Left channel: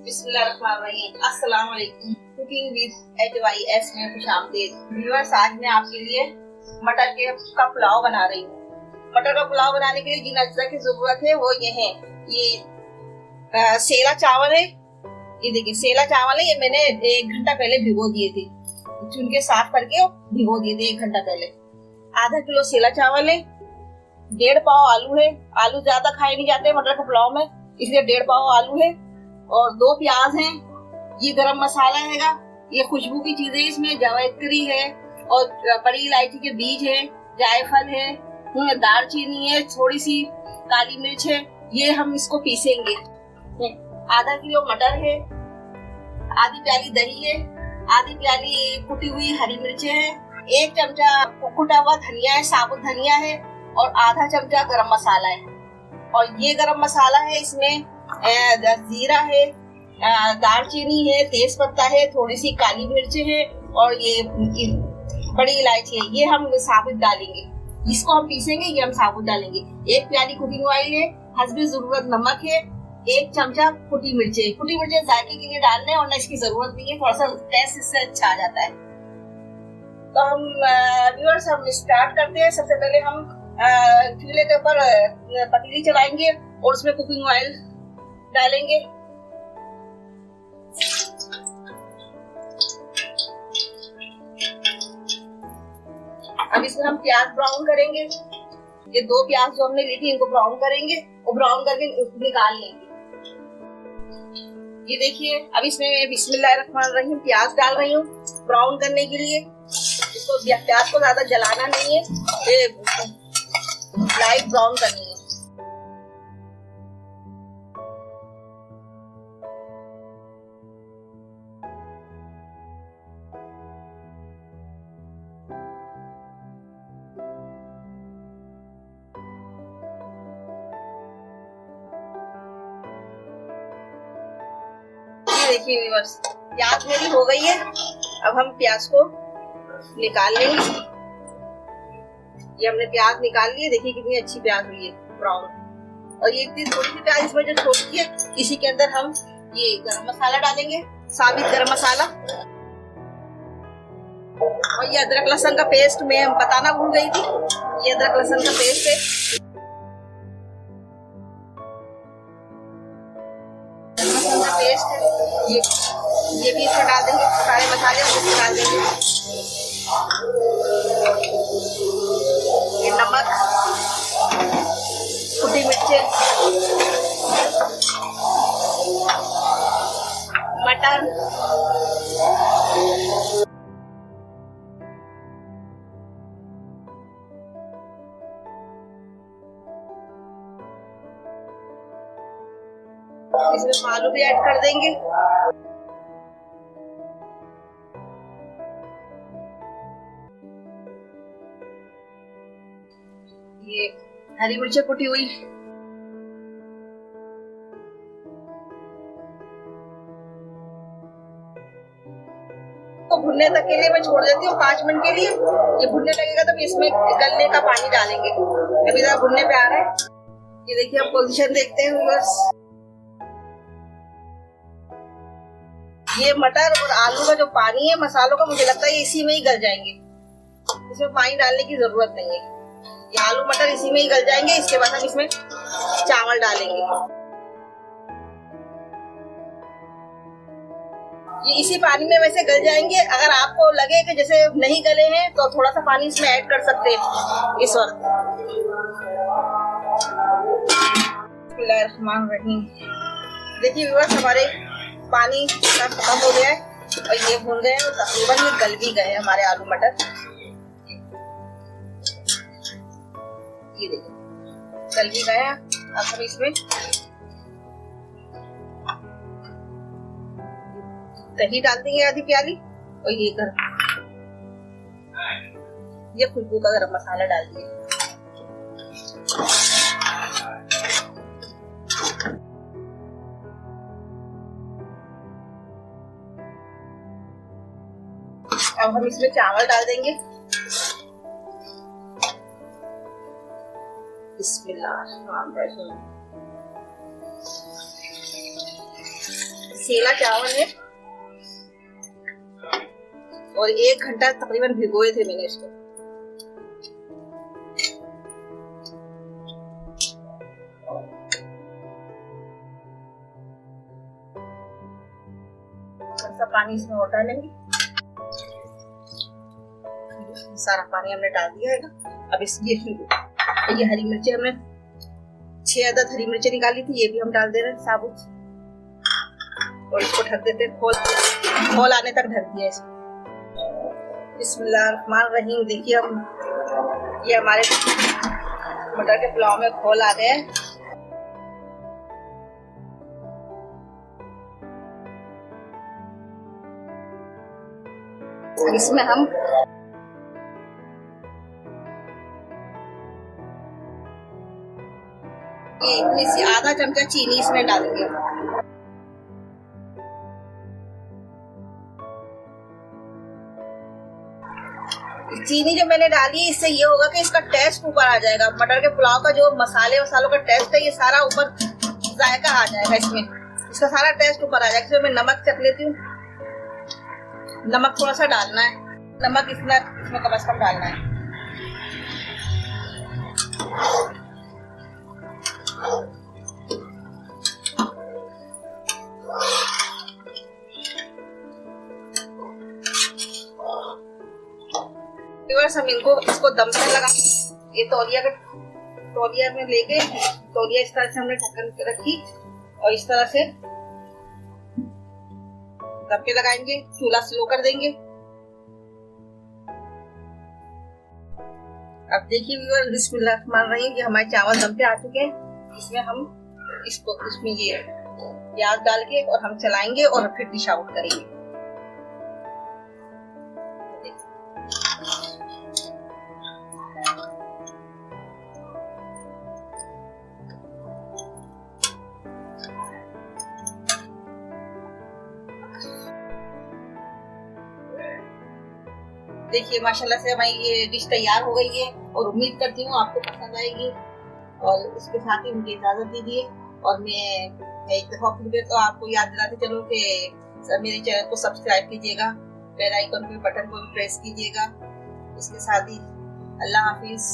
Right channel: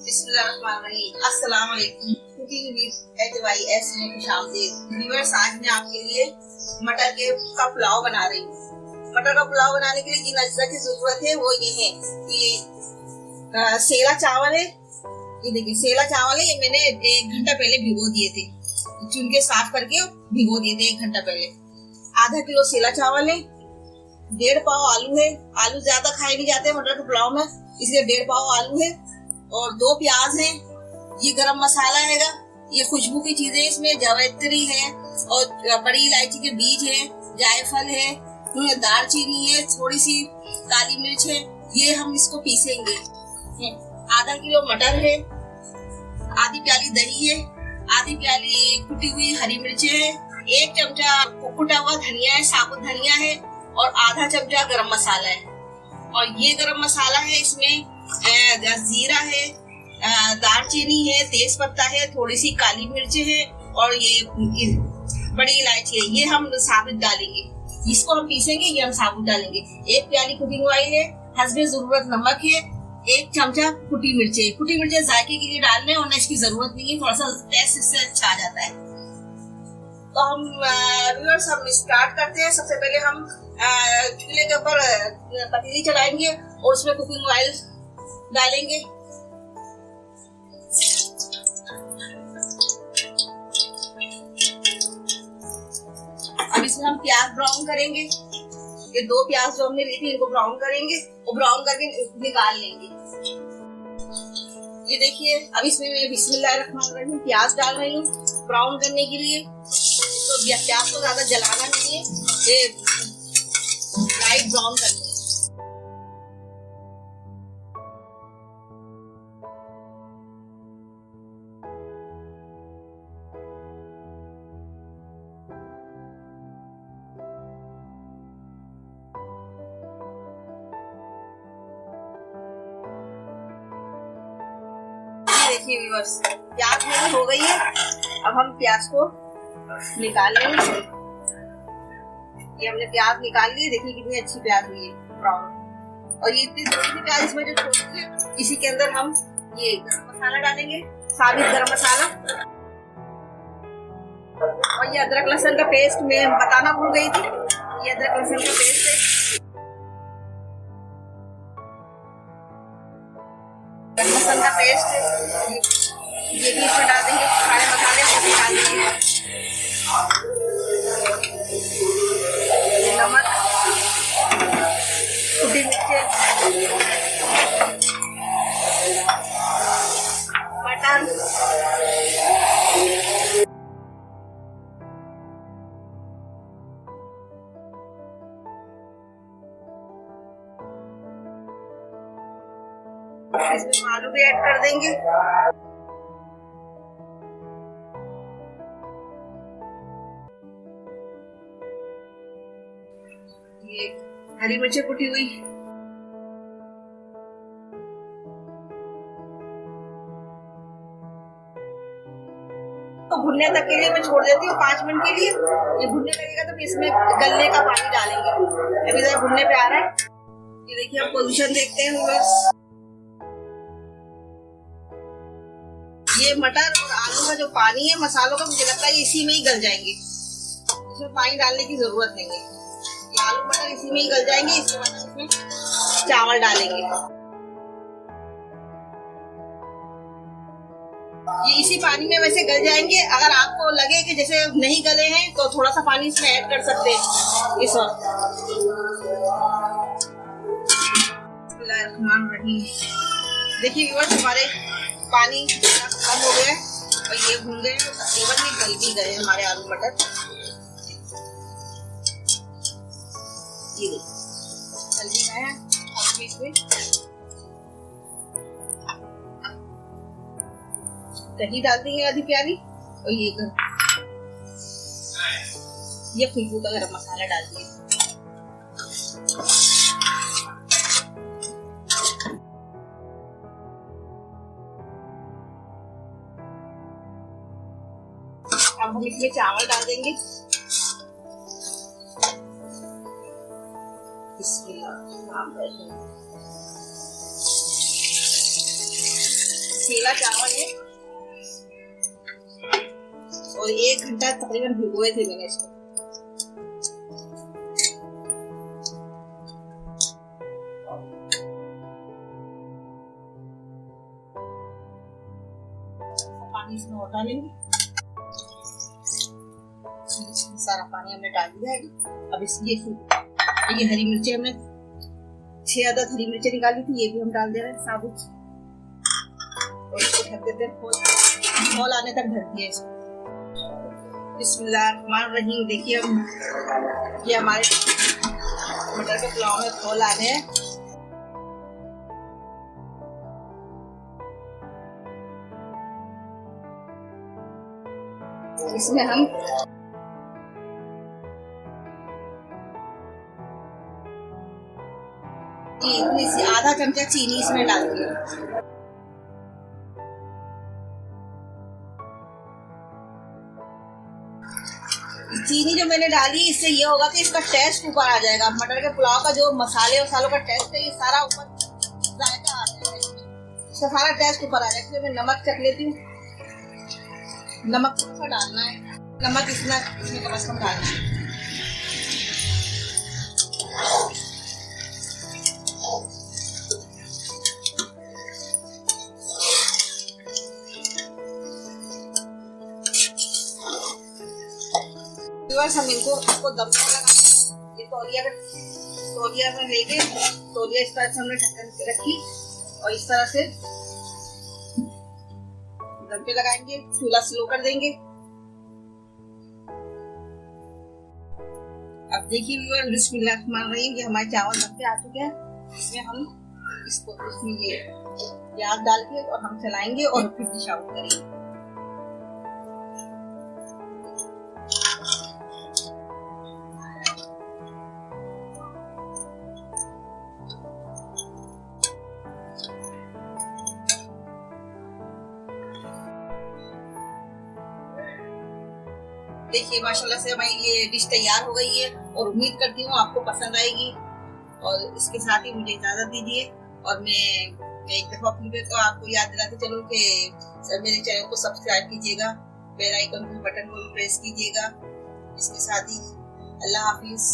बिस्मिल्लाहिर्रहमानिर्रहीम। अस्सलाम वालेकुम। कुकिंग विद HYS में खुशामदीद। व्यूअर्स, आज मैं आपके लिए मटर का पुलाव बना रही हूँ। मटर का पुलाव बनाने के लिए जिन अज्जा की जरूरत है वो ये है। ये सेला चावल है। ये देखिए सेला चावल है। ये मैंने 1 घंटा पहले भिगो दिए थे, चुन के साफ करके भिगो दिए थे 1 घंटा पहले। आधा किलो सेला चावल है। 1.5 पाव आलू है। आलू ज्यादा खाए नहीं जाते मटर के पुलाव में, इसलिए 1.5 पाव आलू है। और 2 प्याज हैं। ये गरम मसाला हैगा। ये खुशबू की चीजें, इसमें जावित्री है और बड़ी इलायची के बीज है, जायफल है, दालचीनी है, थोड़ी सी काली मिर्च है। ये हम इसको पीसेंगे। आधा किलो मटर है। आधी प्याली दही है। आधी प्याली कुटी हुई हरी मिर्चें है। 1 चमचा कुटा हुआ धनिया है, साबुत धनिया है। और आधा चमचा गरम मसाला है। और ये गरम मसाला है, इसमें जीरा है, दालचीनी है, तेज पत्ता है, थोड़ी सी काली मिर्च है और ये बड़ी इलायची है। ये हम साबुत डालेंगे। इसको हम पीसेंगे, ये हम साबुत डालेंगे। 1 प्याली कुकिंग ऑयल है। हस्बे जरूरत नमक है। 1 चमचा कुटी मिर्चें। कुटी मिर्चें जायके के लिए डालने और इसकी जरूरत नहीं है, थोड़ा सा टेस्ट इससे अच्छा आ जाता है। तो हम व्यूअर्स हम स्टार्ट करते हैं। सबसे पहले हम चूल्हे के ऊपर पतीली चलाएंगे और उसमें कुकिंग ऑयल डालेंगे। अब इसमें हम प्याज ब्राउन करेंगे। ये 2 प्याज जो हमने ली थी इनको ब्राउन करेंगे और ब्राउन करके निकाल लेंगे। ये देखिए, अब इसमें मैं बिस्मिल्लाहिर्रहमानिर्रहीम प्याज डाल रही हूँ ब्राउन करने के लिए। तो प्याज को ज्यादा जलाना नहीं है, ये लाइट ब्राउन करनी है। देखिए व्यूअर्स, प्याज मेरी हो गई है। अब हम प्याज को निकाल लेंगे। ये हमने प्याज निकाल लिए। देखिए कितनी अच्छी प्याज हुई है ब्राउन। और ये इतनी थोड़ी सी प्याज इसमें जो छोटी है, इसी के अंदर हम ये गरम मसाला डालेंगे, साबित गरम मसाला। और ये अदरक लहसुन का पेस्ट मैं बताना भूल गई थी। ये अदरक लहसुन का पेस्ट है। लहसुन का पेस्ट है। ये भी इसमें डाल देंगे। सारे मसाले इसमें डाल देंगे। ये नमक, कुटी मिर्चें, मटर, इसमें आलू भी ऐड कर देंगे। ये हरी मिर्चें कुटी हुई, तो भुनने तक के लिए मैं छोड़ देती हूँ 5 मिनट के लिए। ये भुनने लगेगा तब इसमें गलने का पानी डालेंगे। अभी जरा भुनने पे आ रहा है। ये देखिए, हम पोजीशन देखते हैं बस। ये मटर और आलू का जो पानी है मसालों का, मुझे लगता है ये इसी में ही गल जाएंगे। इसमें पानी डालने की जरूरत नहीं है। ये आलू मटर इसी में ही गल जाएंगे। इसके बाद हम इसमें चावल डालेंगे। ये इसी पानी में वैसे गल जाएंगे। अगर आपको लगे कि जैसे नहीं गले हैं तो थोड़ा सा पानी इसमें ऐड कर सकते हैं इस वक्त। बिस्मिल्लाहिर्रहमानिर्रहीम। देखिए व्यूअर्स, हमारे पानी खत्म हो गया है और ये भून गए और तकरीबन ये गल भी गए हमारे आलू मटर। ये देखिए गल भी गए हैं। अब हम इसमें दही डाल देंगे आधी प्याली। और ये खुशबू का गरम मसाला डाल दिए। अब हम इसमें चावल डाल देंगे। बिस्मिल्लाहिर्रहमानिर्रहीम। सेला चावल है और 1 घंटा तकरीबन भिगोए थे मैंने इसको। थोड़ा सा पानी इसमें और डालेंगे। सारा पानी हमने डाल दिया है ना। अब ये हरी मिर्ची हमने 6 अदद हरी मिर्ची निकाली थी, ये भी हम डाल दे रहे हैं साबुत और इसको ढक देते हैं। खोल आने तक ढक दिया इसको। बिस्मिल्लाहिर्रहमानिर्रहीम। देखिए हम ये हमारे मटर के पुलाव में खोल आ गए हैं। इसमें हम इतनी सी आधा चमचा चीनी इसमें डालेंगे। चीनी जो मैंने डाली इससे ये होगा कि इसका टेस्ट ऊपर आ जाएगा। मटर के पुलाव का जो मसाले वसालों का टेस्ट है ये सारा ऊपर जायका आ जाएगा इसमें, इसका सारा टेस्ट ऊपर आ जाएगा। इसमें मैं नमक चख लेती हूँ। नमक थोड़ा सा डालना है, नमक इसमें कम से कम डालना है। हम इसको दम पे लगा, ये तौलिया में लेके तौलिया इस तरह से हमने ढक्कन रखी और इस तरह से दम पे लगाएंगे। चूल्हा स्लो कर देंगे। अब देखिए व्यूअर्स, बिस्मिल्लाहिर्रहमानिर्रहीम, ये हमारे चावल दम पे आ चुके हैं। इसमें हम इसमें ये प्याज डाल के और हम चलाएंगे और फिर डिश आउट करेंगे। देखिए माशाल्लाह से हमारी ये डिश तैयार हो गई है और उम्मीद करती हूँ आपको पसंद आएगी। और इसके साथ ही मुझे इजाजत दीजिए और मैं एक दफा फिर तो आपको याद दिलाते चलूँ कि मेरे चैनल को सब्सक्राइब कीजिएगा, बेल आइकन पे बटन को प्रेस कीजिएगा। इसके साथ ही अल्लाह हाफिज।